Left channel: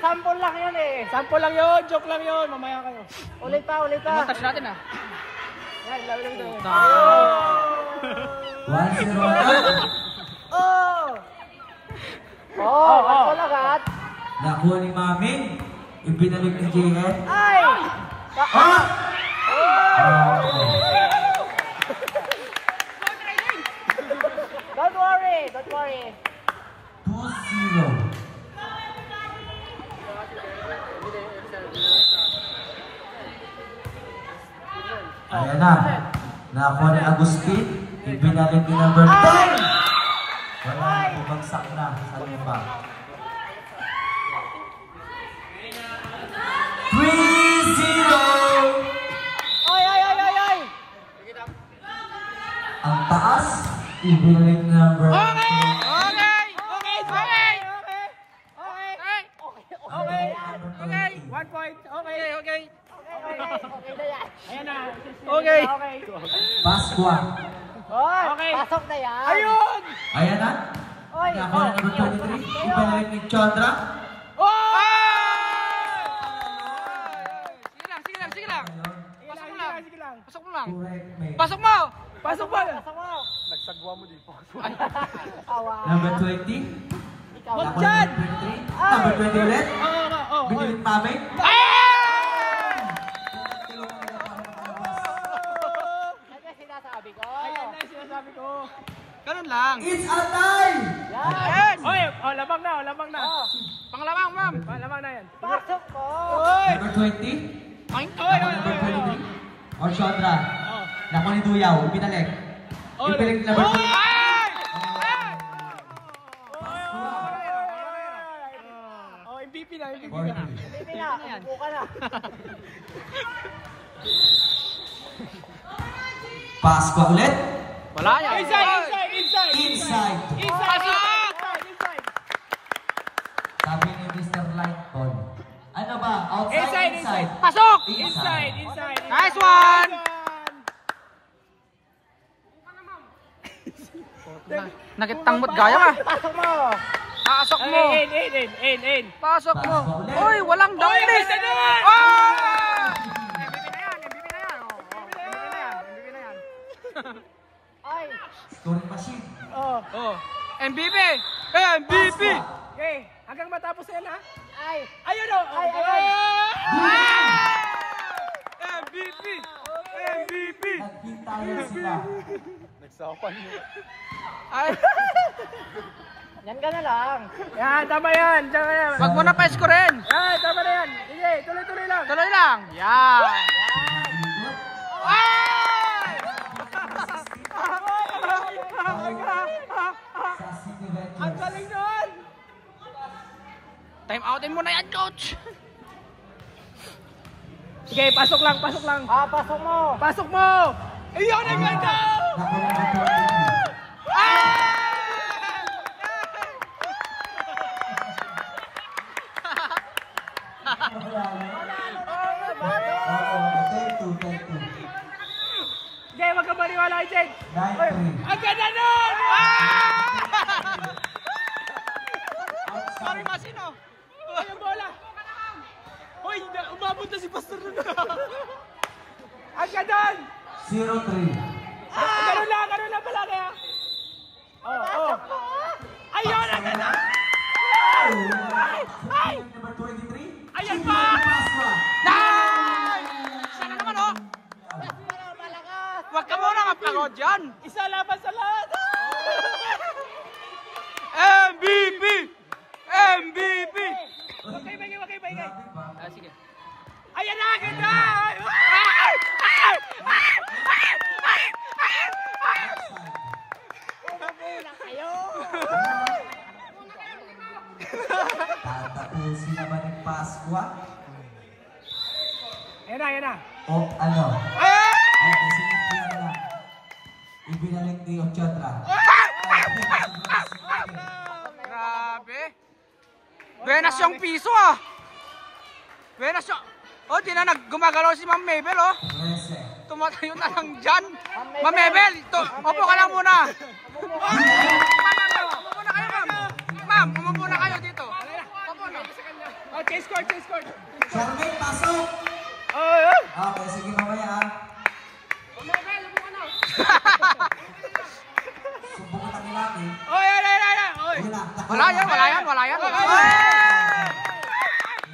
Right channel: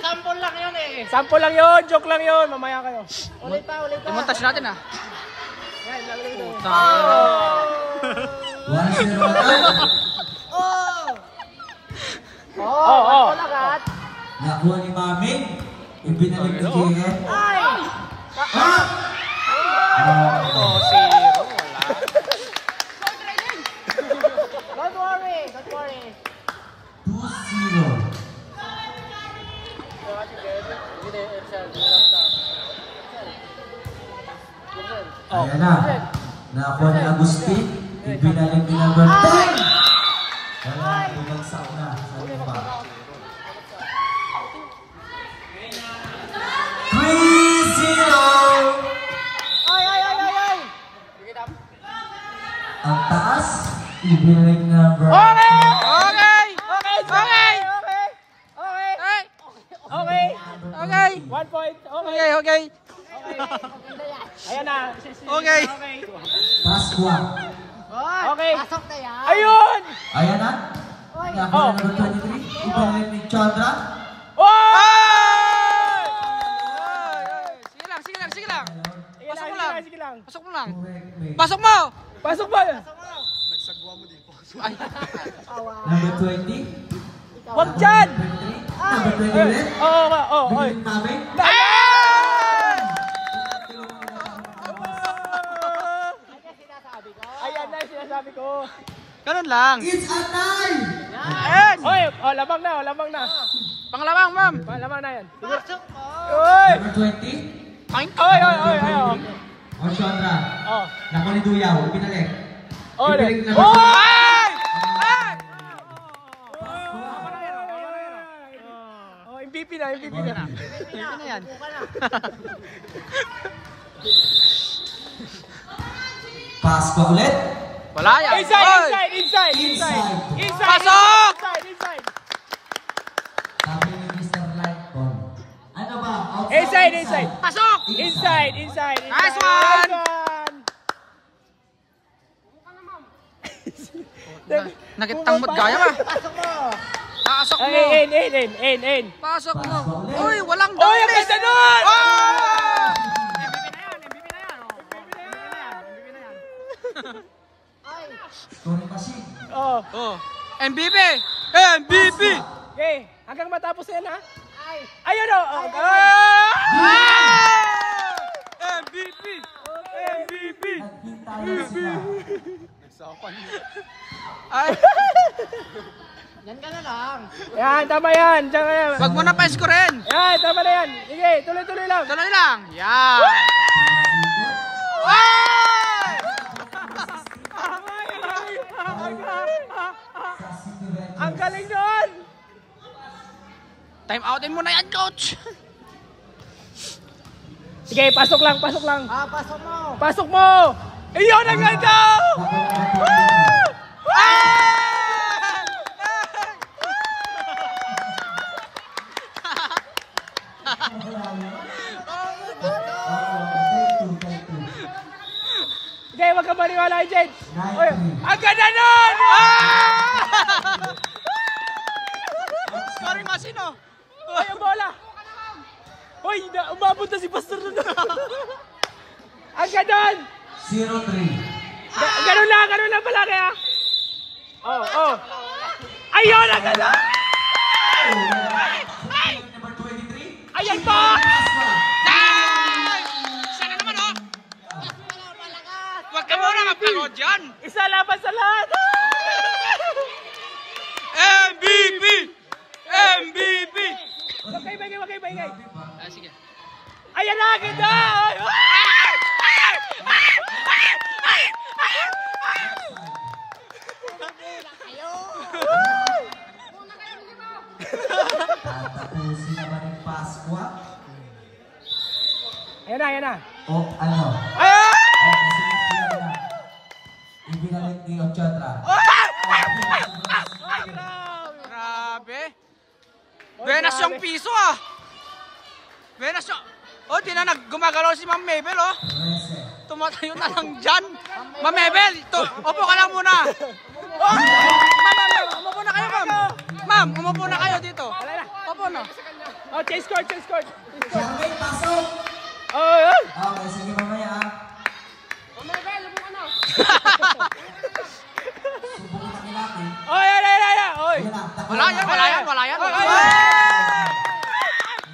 Sample lang yun eh. Sample lang yun, joke lang yun. Mamaya kayo. Ulit pa. I-montage natin ah. Yan, lagay mo. Puta. 1-0. Lahat. Nakuha ni Maming. Ibinalik ni JF. Ay! Ah! Oh, zero. Wala. Don't worry. 2-0. Ayan na. Nakuha ni Agustin. Ibinalik ni number 10. Wala na, bumagsak na sa lupa. 3-0. Ay! Ang taas. Ibinalik ni number 10. Okay! Okay! Okay. 1 point. Okay. Okay! Ayan na. Okay. Okay. Pasqua. Okay. Pasok na yan. Ayun! Ayan na. Nakuha ni number 23. Ibinalik ni Chandra. Ay! Sige lang. Pasok mo lang. Sige lang. Pasok mo lang. Correct. Pasok mo! Pasok ba? Ay. Number 20. Wag Nakuha dyan! ni number 23. Number 20 ulit. Binilik Maming. Ay! Ayan na yung sinasabi ko. Ganun lang. It's a tie! Ayan! Oy, labang na. Pangalawang, ma'am. Labang na yan. Pasok mo. Oy! Number 20. Ay! Number 23. Or Chandra. Oh. Nakuha ni Duyaw. Ibinalik. Oh, Ibinalik number 20. Ay! Ay! MVP na. MVP na. MVP na yan. Pasqua ulit. Wala yan. Oy! Inside. Pasok! Inside. Sabi ni Mr. Lightbon. Ano ba? Outside, Inside. Pasok! Inside. Nice one! Nagitangmot gaya ba? Pasok mo. Pasok mo! In. Pasok mo! Uy, walang dumbness! ganda nun! Oh! MVP na yan! MVP na yan! MVP na yan! Ay. Scoring machine. Oh! MVP! MVP! Okay, hanggang matapos na yan ha. Ay. Ayun o! MVP! MVP! Naghintayan sila. Ay! Yan ka na lang. Yan, tama yan. Diyan ka yan. Wag mo na pa-scorein! Yan, tama na yan. Sige, tuloy-tuloy lang. Tuloy lang! Yan! Ay! Ang galing doon! Time outin mo na yan, coach! Sige, pasok lang. Pasok mo. Pasok mo! Iyon ang ganda! Sige, wag ka maniwala kay Jade. Ang ganda nun! Scoring machine, oh! Ay, ang bola! Hoy, umabot na si Pastor na. Ang ganda! 0-3. Ganun lang pala kaya. Oh. Ayun, ang ganda! Ay! Number 23. Ayan pa! Nice! Sana naman, oh! Huwag ka muna mapagod dyan! Isa laban sa lahat! MVP! MVP! Wag kayo bagay. Sige. Ayan na, ganda! Tatapusin naman ng Pasqua. Ayan na. O ano? Kasi na. Ibinalik ni Ochadra. Grabe! Buenas yung piso, ah! Buenas yung... Oh, di na gumagalaw si Ma'am Mabel, oh! 13. Tumatayo na lang dyan! Ma'am Mabel, upo ka lang muna! Ma'am, umupo na kayo, ma'am! Ma'am, umupo na kayo dito! Opo, na. Oh, change court, change court. Charmaine, pasok! Oh, yan. Okay, sige mamaya ah. Subukan natin natin. Oh, yan. Oy. Ayun na. Wala yan. Oh,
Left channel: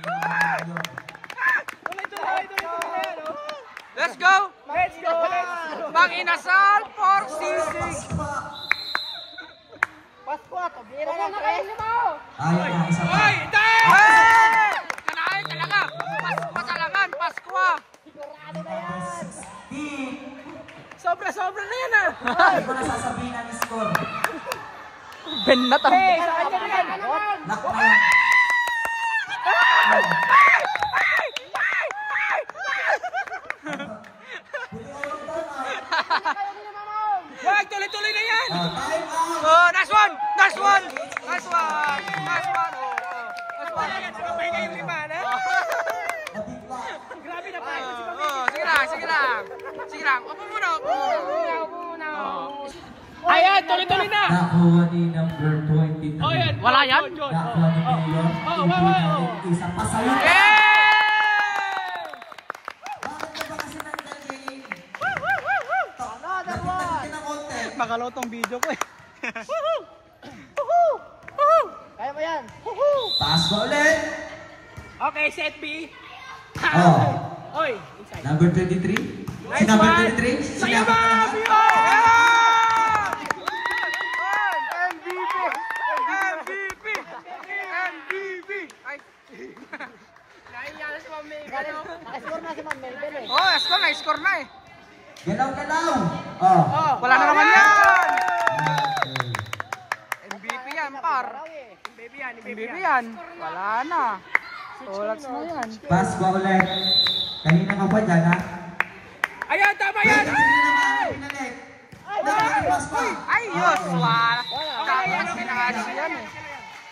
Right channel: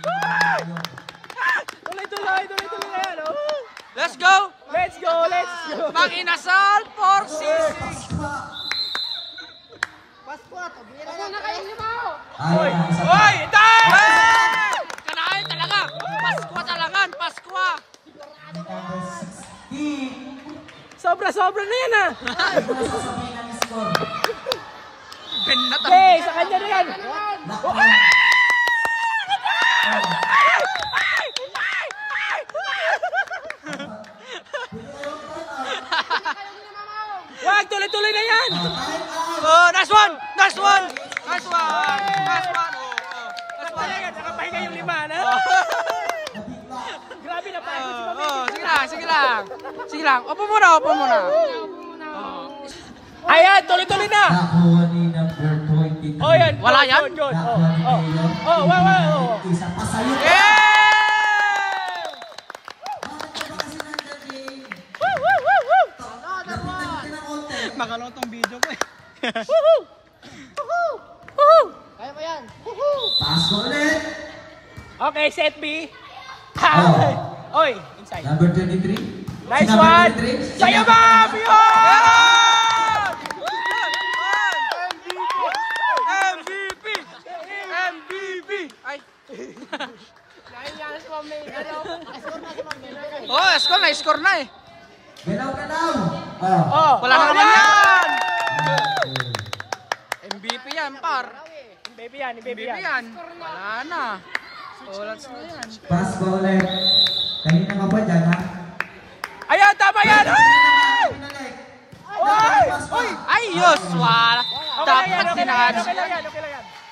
Hey! Tuloy. Ayan, oh. Let's go! Let's go. Mag-inasal for sisig. Pasko, tabira na kayo. Ayun na, isa pa. Oy, time! Hey! Kanain talaga. Paskwa talaga. Paskwa. Number 16. Sobra na yan ah. Hindi ko na sasabihin ang score. Benat ang... Hey, sa kanya na yan. Lock na yan. Wag, tuloy na yan. Time out. Oh, nice one! Nice one! Nice one! Nice one! Oh, oh. Nice one! Ayan, nakapahinga yung lima na. Nabigla. Grabe na pa. Oh, sige lang. Sige lang. Opo muna. Oh. Ayan, tuloy na. Nakuha ni number 23. Oh, yan. Wala yan? Nakuha ni Mayor. Oh, wow. Isa pa sa'yo. Eh! Bakit ka ba kasi nandyan, Jane? Lapitan ka ng konti. Makalaw tong video ko eh. Kaya mo yan. Taas ko ulit. Okay, set B. Oh. Oy, inside. Number 23. Nice Si number one. 23. Saya ba? MVP! Ay. Naiyakas mo, May. Pasko na si Ma'am Mabel. Oh, score na eh. Galaw. Oh. Wala na naman yan. MVP yan, par. Baby yan, MVP yan. Wala na. Ulats na yan. Taas ko ulit. Kanina ka pa dyan, ha? Ayan, tama yan. Ayos, wala. Dapat sinadya yan eh.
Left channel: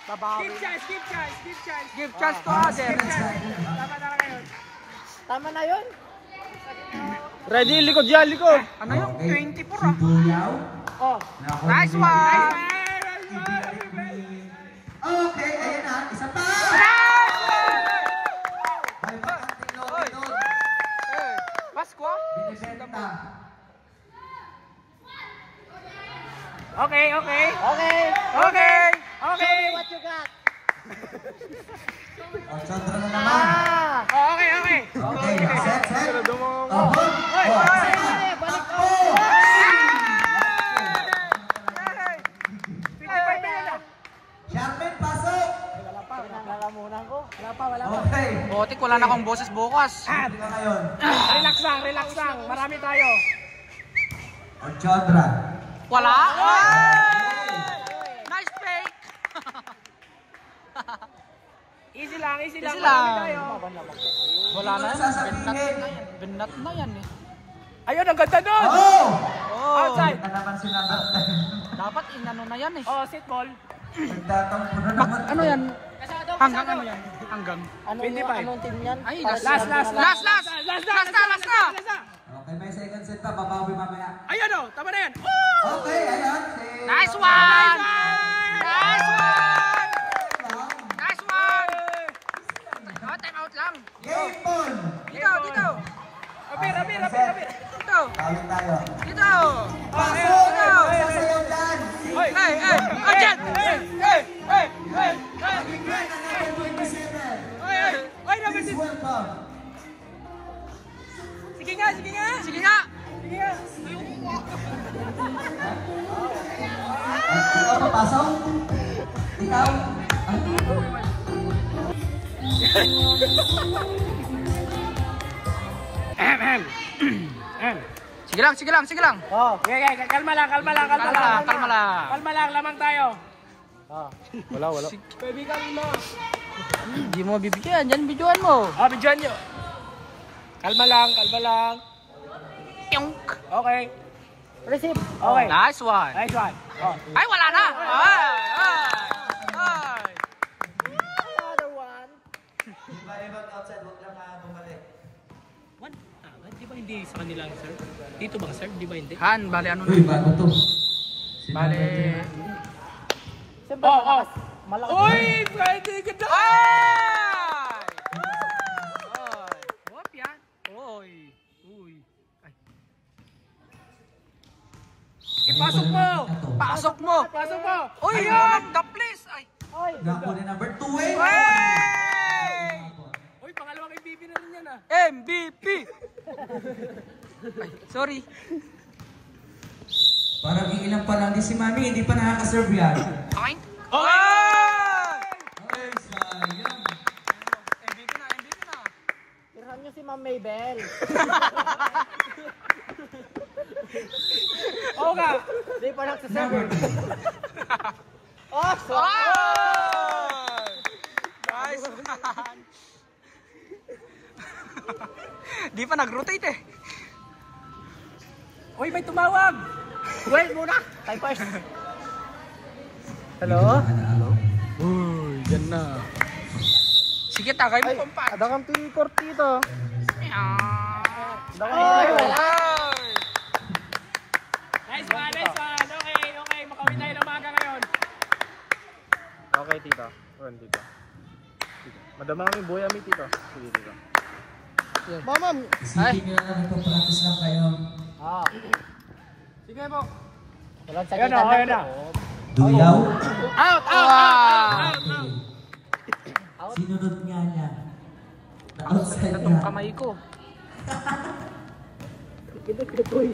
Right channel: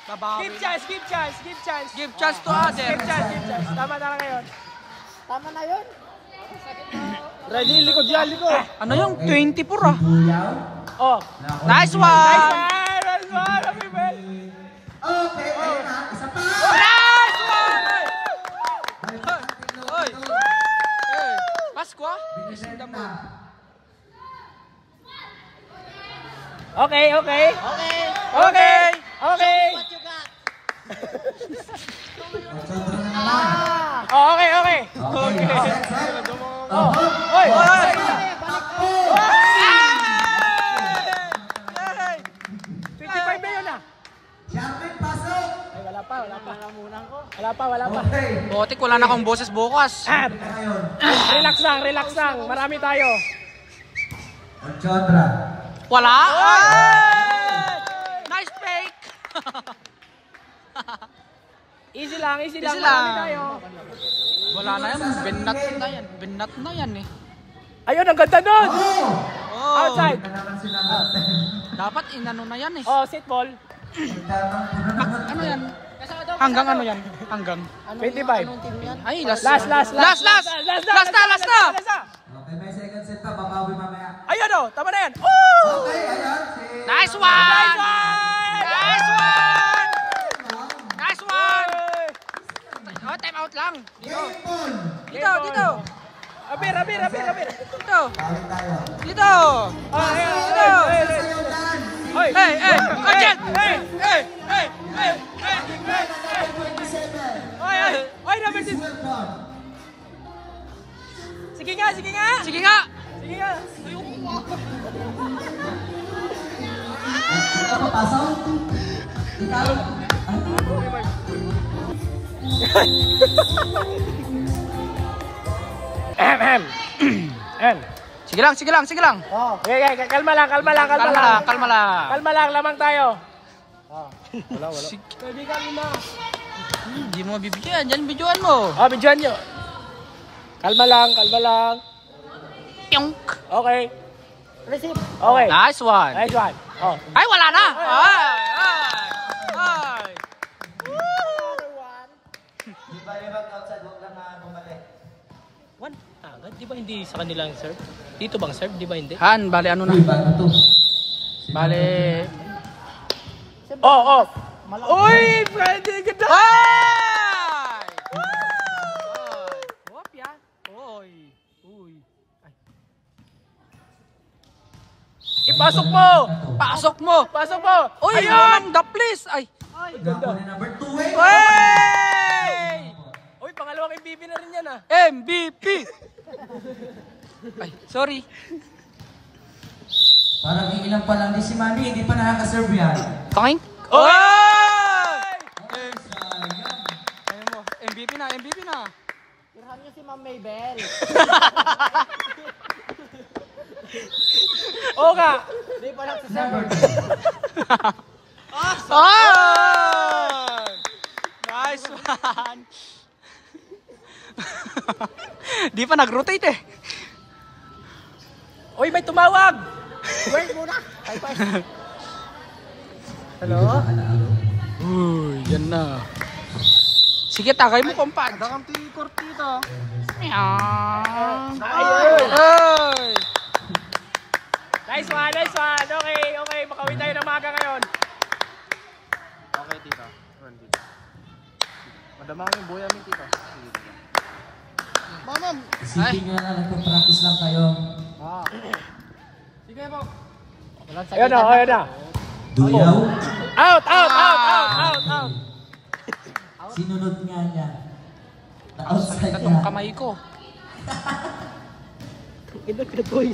Babawi. Skip chance. Give chance to other. Tama kayo. Tama na yun. Ready, likod yan, likod. Ano yung 24 ah? Buyaw. Oh. Nice one! Okay, ayun na. Isa pa. Nice one! Balikan ang tinglo Oy. doon. Eh, Pasko? Binibenta na. Okay. Okay. Okay! Okay. What you got? October na naman. Oh, okay. Okay, set. Oy, oy. Takbo. 55 na yun ah. Charmaine, pasok. Wala pa. Okay. Botik, wala na akong boses bukas. Hindi na ngayon. Relax lang. Marami tayo. October. Wala? Ay! Nice fake! Easy lang. Easy Marami lang. tayo. Wala na yan. Benat na yan eh. Ayun, ang ganda doon. Oh! Oh, Outside. Ito naman si number 10. dapat inano na yan eh. Oh, set ball. Nagtatampo na naman. Ano yan? Hanggang ano yan? Hanggang. 25. Ay, last. Last. Last na! Okay, may second set pa. Babawi mamaya. Ayun oh, tama na yan. Woo! Okay, ayan. Nice one! Nice one! Nice one! Oh, time out lang. Game ball. Dito. Abir. Dito. Tayo. Dito. Sasayaw yan. Hey! Agent! Hey! Oy, naman Please welcome. Sige nga. Sige nga! Ikaw papasok? Ikaw? Sige lang. Oh, okay, kalma lang. Kalma lang. Kalma lang, lamang tayo. Wala. Pwede ka lima. Hindi mo bibigyan. Diyan videoan mo. Oh, bidyan nyo. Kalma lang. Tiyonk. Okay. Receive. Okay. Nice one. Nice one. Oh. Ay, wala na. Ay. Outside, huwag lang na bumalik. One. Di ba hindi sa kanilang serve? Dito bang serve? Di ba hindi? Han, bale ano na? Uy, bago to. Bale... Oh. Malaki. Uy! Pwede ganda! Ay! Ay! Wop yan. Uy. Uy. Ay. Ipasok mo! Pasok mo! Pasok mo! Uy! Walang daplis! Ay! Nakuha na number 2 eh. Wey! Uy, pangalawang MVP na rin yan ah. MVP! Ay, sorry. Parang iilan pa lang din si Mami, hindi pa nakaka-serve yan. Kain? Oy! Ay, sayang. Ayun mo. MVP na, MVP na. Tirhan niyo si Ma'am Maybell. Oo nga. Hindi pa lang si Number Sir. 3. Ay! Nice one! Di pa nag-rotate eh. Uy, may tumawag! Wait muna. Ay, pa. Hello? Uy, yan na. Sige, tagay mo, kompad. Ada kang tinikor dito. Ay! Nice one, nice one. Okay, okay. Makawin tayo ng maga ngayon. Okay, tita. Run, tita. Madama kami buhay amin, tita. Sige, tita. Maman. Isipin nyo na nagpa-practice lang kayo. Wow. Sige po. Walang Ayan na, sakitan ayan na. Duyaw. Out, out, out, out. Sinunod nga niya. Na-outside Sakit itong niya. kamay ko.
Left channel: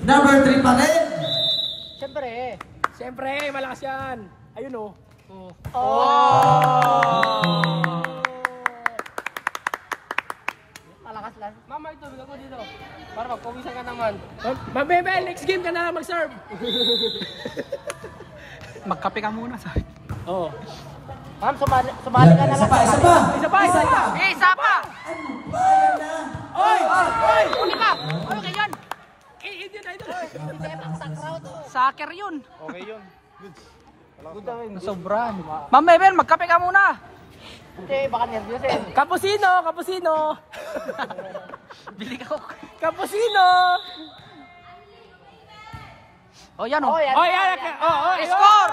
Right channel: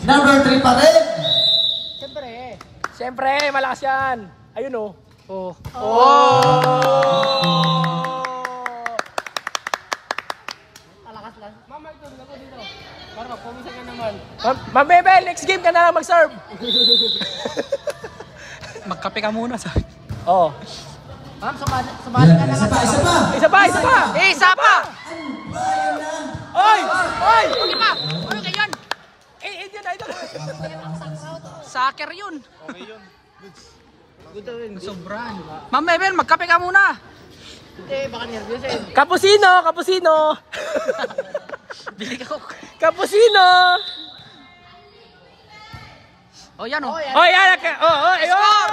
Number 3 pa rin. Siyempre. Siyempre, malakas yan. Ayun o. Oh. Malakas lang. Mama, ito. Ako dito. Para, pumisa ka naman. Ma'am Bebel, next game ka na lang mag-serve. Magkape ka muna, sabi. Oo. Ma'am, sumali Yan, ka na isa lang. pa, isa pa. Isa pa, isa pa. Eh, isa pa! Ano ba yan na? Oy! Oy! Okay pa! Okay yan! Eh, yun, idol. Soccer yun. Okay yun. Nasobran. Ma'am Mabel, magkape ka muna. Eh, baka nervous eh. Cappuccino, cappuccino. Bili ka ko. Cappuccino. Oh, yan oh. Oh, yan. Oh, yan. Oh, oh, Score!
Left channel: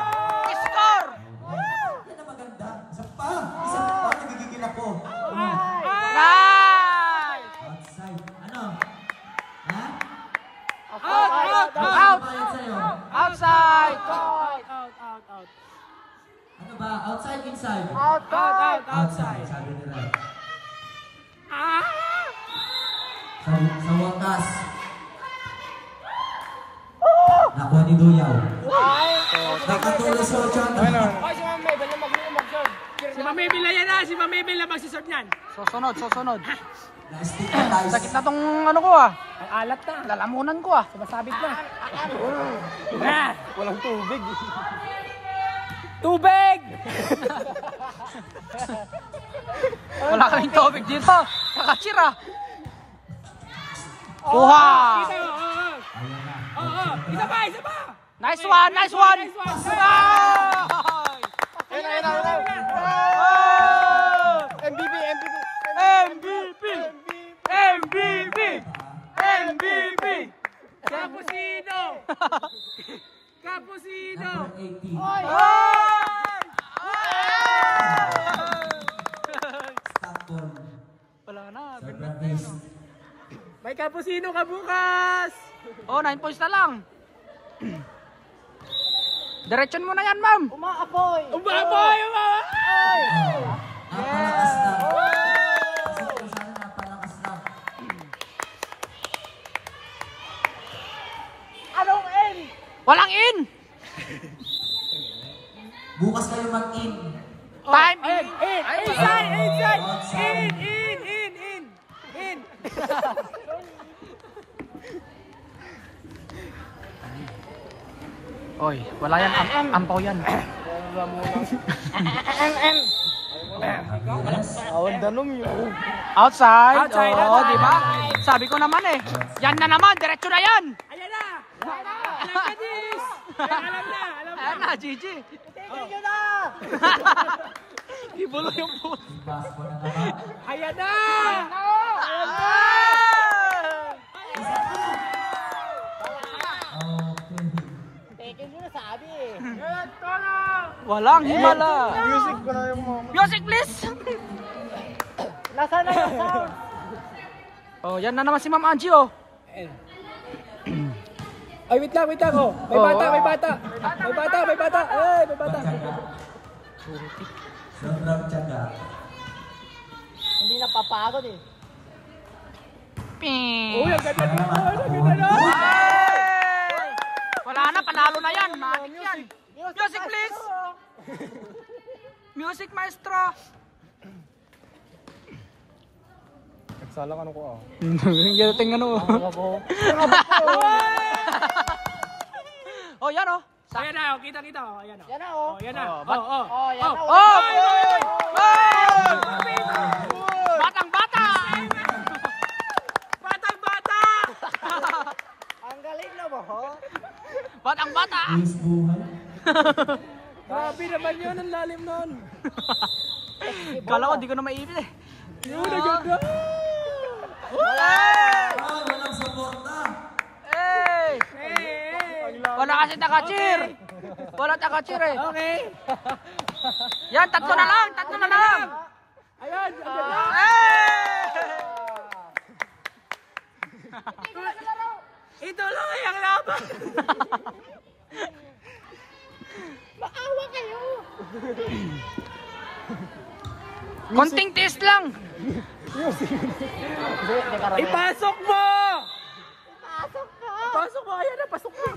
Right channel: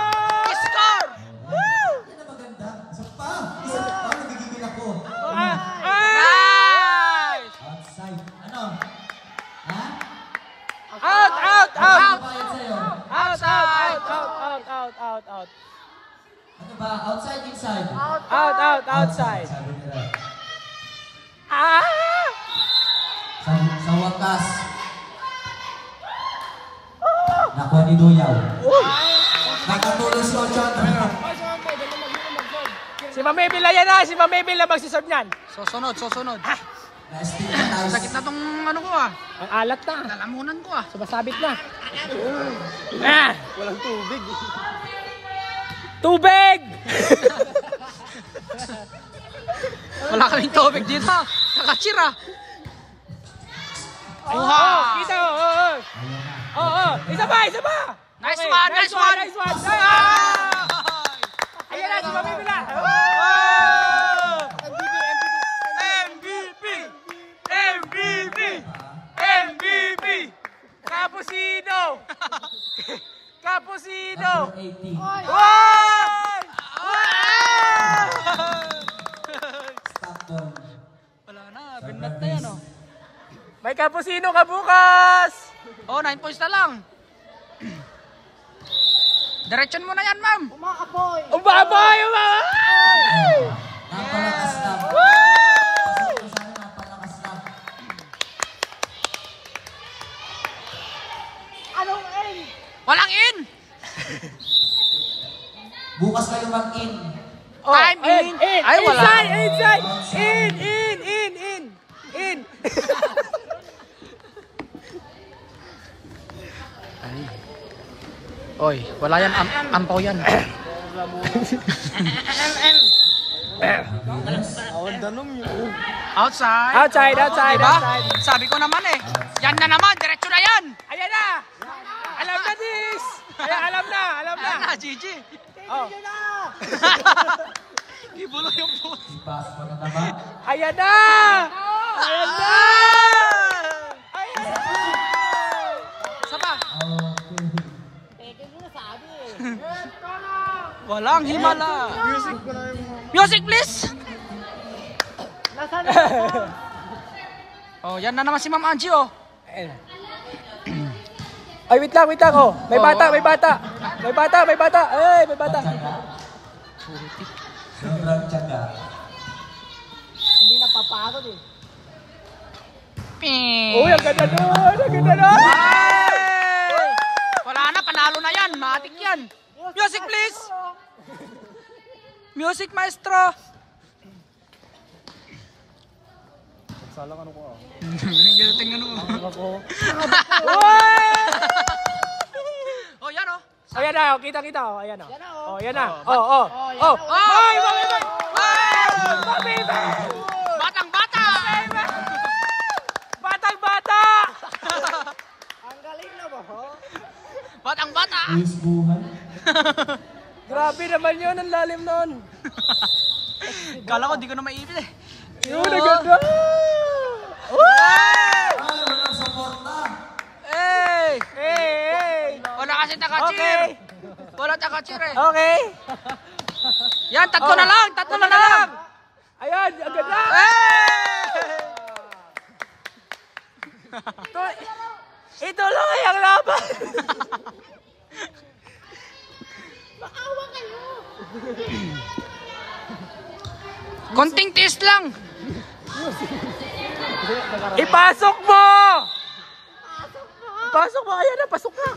Score! Yan na maganda. Isa pa. Isa pa. Nagigigil ako. Nice! Outside. Ano? Ha? Out, out, Out! Ano bayad sa'yo? Outside! out. Ano ba? Outside, inside? Out, outside. Sabi nila. Ah! Sa wakas. Nakuha ni Duyaw. Nakatuloy si Ochando. Si Ma'am Emil, ayan na. Si Ma'am Emil na magsiserve niyan. Susunod, susunod. Na-stigmatize. Sakit na tong ano ko ah. Ang alat na. Lalamunan ko ah. Sumasabit na. Ah! Walang tubig. Tubig! Wala kaming tubig dito. Nakachira. Kuha! Dito, oo. Ayan na. Oo, isa pa, isa pa. Nice one, nice one! Nice one. Ay! Ayan na, isa pa. Oh! MVP. MVP! MVP! MVP! Cappuccino! Cappuccino! Number 18. Stockton. Wala na, binat na yan oh. May cappuccino ka bukas! Oh, 9 points na lang. Diretsyon mo na yan, ma'am. Umaapoy. Umabay! Oh, napalakas lang. Pasok ko sana, napalakas lang. Anong N? Walang in. Bukas kayo mag-in. Time in. In! Ay, wala. Inside! In! Oy, wala yan. Ampaw yan. Outside. Outside, Oo, outside, diba? outside. Sabi ko naman eh. Yan na naman, diretso na yan. Ayan na! Alam na, sis! Alam na! Ayan na, Gigi. Oh. Ibulo yung puto. Pass ko na naman. Ayan na! Isa pa. Okay. Thank you, sabi eh. Walang himala. Music please. Nasaan na? Oh, yan na naman si Ma'am Angie oh. Ay, wait lang, oh. May Oh. bata, may bata. May bata, may bata. Ay, may bata. Sobrang tiyaga. Hindi napapagod eh. Ping. Uy, ang ganda nun. Ang ganda nun. Ay! Wala na, panalo na yan. Matik yan. Music please. Music maestro. Salang ano ko ah. Tingnan mo. Oh, yan oh. Ayan na, kita-kita. Oh, ayan na. Yan na oh. Oh, ayan na. Oh, Oh, oh. Oh! Oh! Batang-bata! Batang-bata! Ang galing na mo. Batang-bata! Ayos buhay. Grabe naman yun, ang lalim nun. Kala ko di ko na maipit eh. Yun, ang ganda. Hey! Ay, walang support na. Hey! Hey! Wala kasi taka-cheer. Okay. Wala taka-cheer eh. Okay. Yan, tatlo na lang. Tatlo na lang. Ayan, ang ganda. Hey! Ito lang ay ang laban. Konting taste lang. Ipasok mo! Pasok mo, ayan na, pasok na.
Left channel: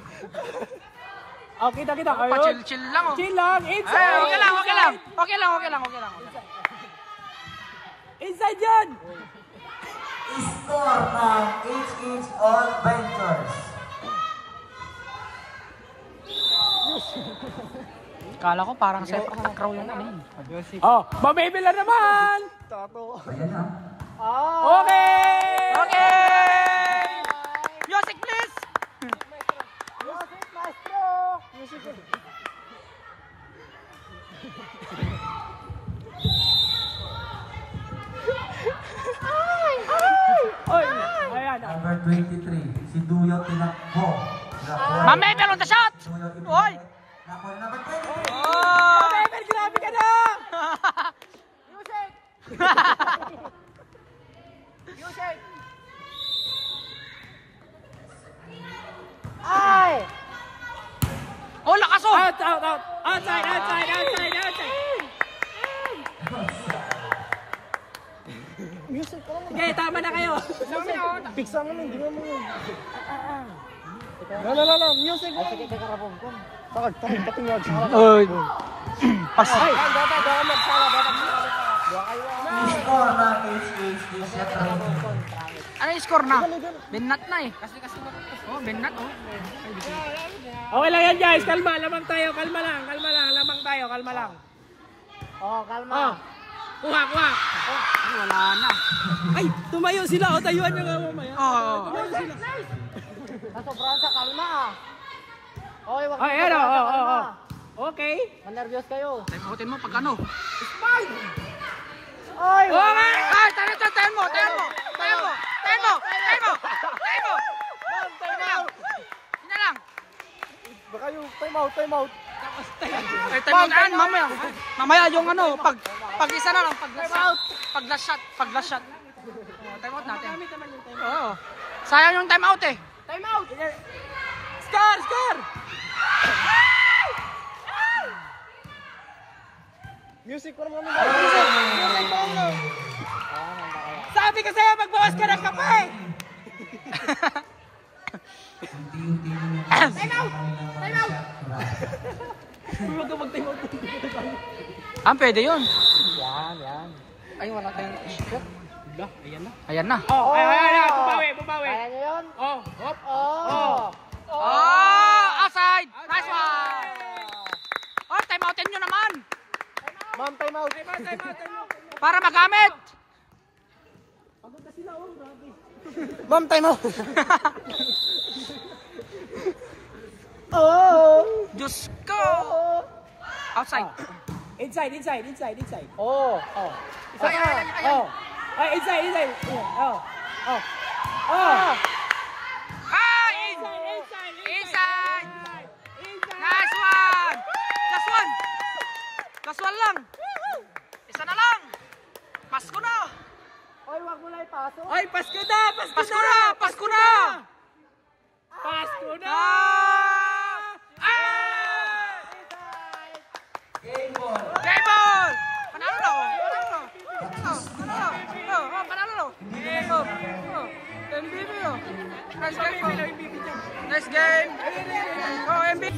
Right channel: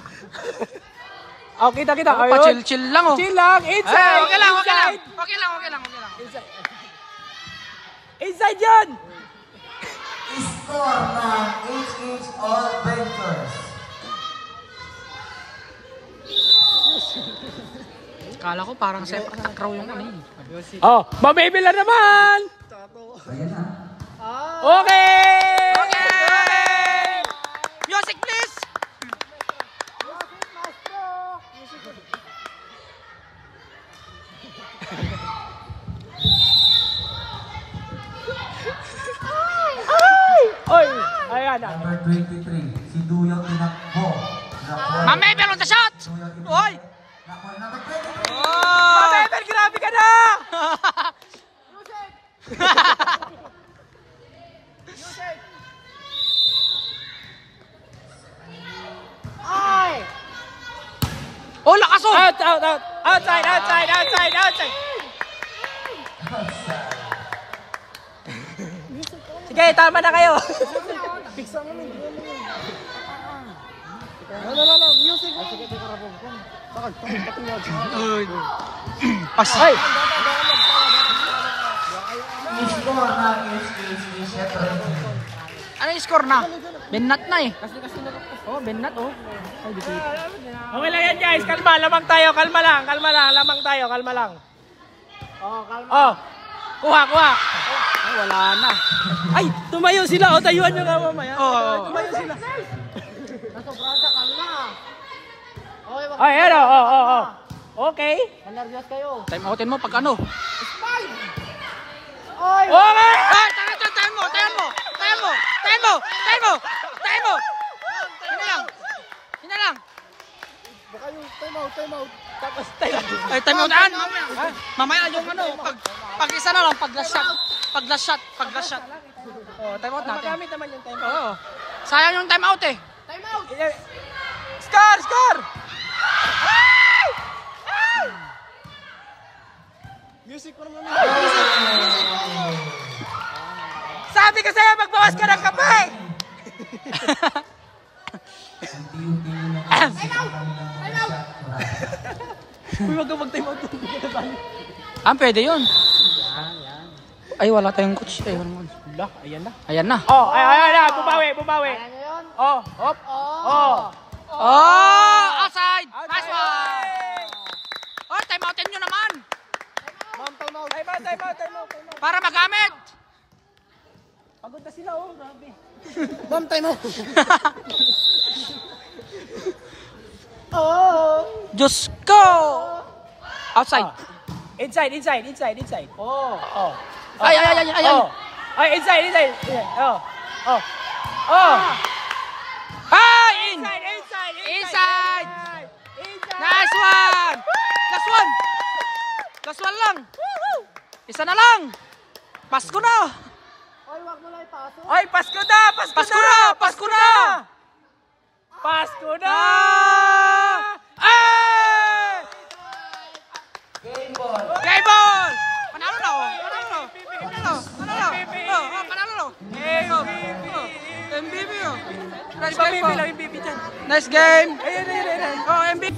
Oh, kita-kita. Oh, pa-chill-chill lang oh. Chill lang, inside. Ay, okay lang, okay lang. Okay lang, okay lang, okay lang. Inside yan. Score ng HH All Ventures. Kala ko parang sepak takraw yung ano eh. Oh, mabibila naman. Ayan na. Okay. Okay! Music please! Oy, ayan. Number 23, si Duyong tinakbo. Ma'am Mabel on the shot! Oy! Nakuha number 23. Oh! Mabel, grabe ka na. Ay! Oh, lakas oh! Out, out, out. Outside, outside, outside, outside. Sige, tama na kayo. Oh. Pas. Score ng HH ni Chef Renny. Ano yung score na? Bennat na eh. Oh, Bennat oh. Okay lang yan, guys. Kalma, lamang tayo. Kalma lang, lamang tayo, kalma lang. Oh, kalma. Oh, kuha, kuha. Ay, wala na. Ay, tumayo sila. O, tayuan nyo nga mamaya. Oo. Tumayo sila. Nasobrahan sa kalma. Okay, wag. Ay, ano, oh. Okay. Nervyos kayo. Time outin mo pag ano. Oy! Okay! Ay, tayo mo. Yun na lang. Baka yung time out. Tapos Ay, time outan, mamaya. Mamaya yung ano, pag isa na lang, pag last shot. Oh, time out natin. Gamit naman yung time. Oo. Sayang yung time out eh. time out. Score! Music ko naman. Sabi ko sa'yo, magbawas ka ng kape! Unti-unti na Pwede yun. Ay, wala tayong coach. Ay, wala. Ayan na. Ayan na. Oh, ayan na. Bumawi. Kaya nyo yun? Oh, hop. Oh! Oh, outside. Nice one. Oh, time outin nyo naman. Ma'am, time out. Time out. Para magamit. Pagod na sila, oh. Grabe. Ma'am, time out. Oh! Diyos ko. Outside. Inside. Oh! Ay. Oh. Ay, inside. Oh. Ay, in. Inside. Inside. Nice one. Last one. Last one lang. Isa na lang. Pasko na. Oy, wag mo na ipasok. Ay, Pasko na! Pasko na. Pasko na. Pasko na! Ay! Game ball. Game ball. Panalo na oh. Panalo na. Panalo. Panalo. Oh, panalo na. MVP oh. Nice game po. Nice game. Oh, MVP.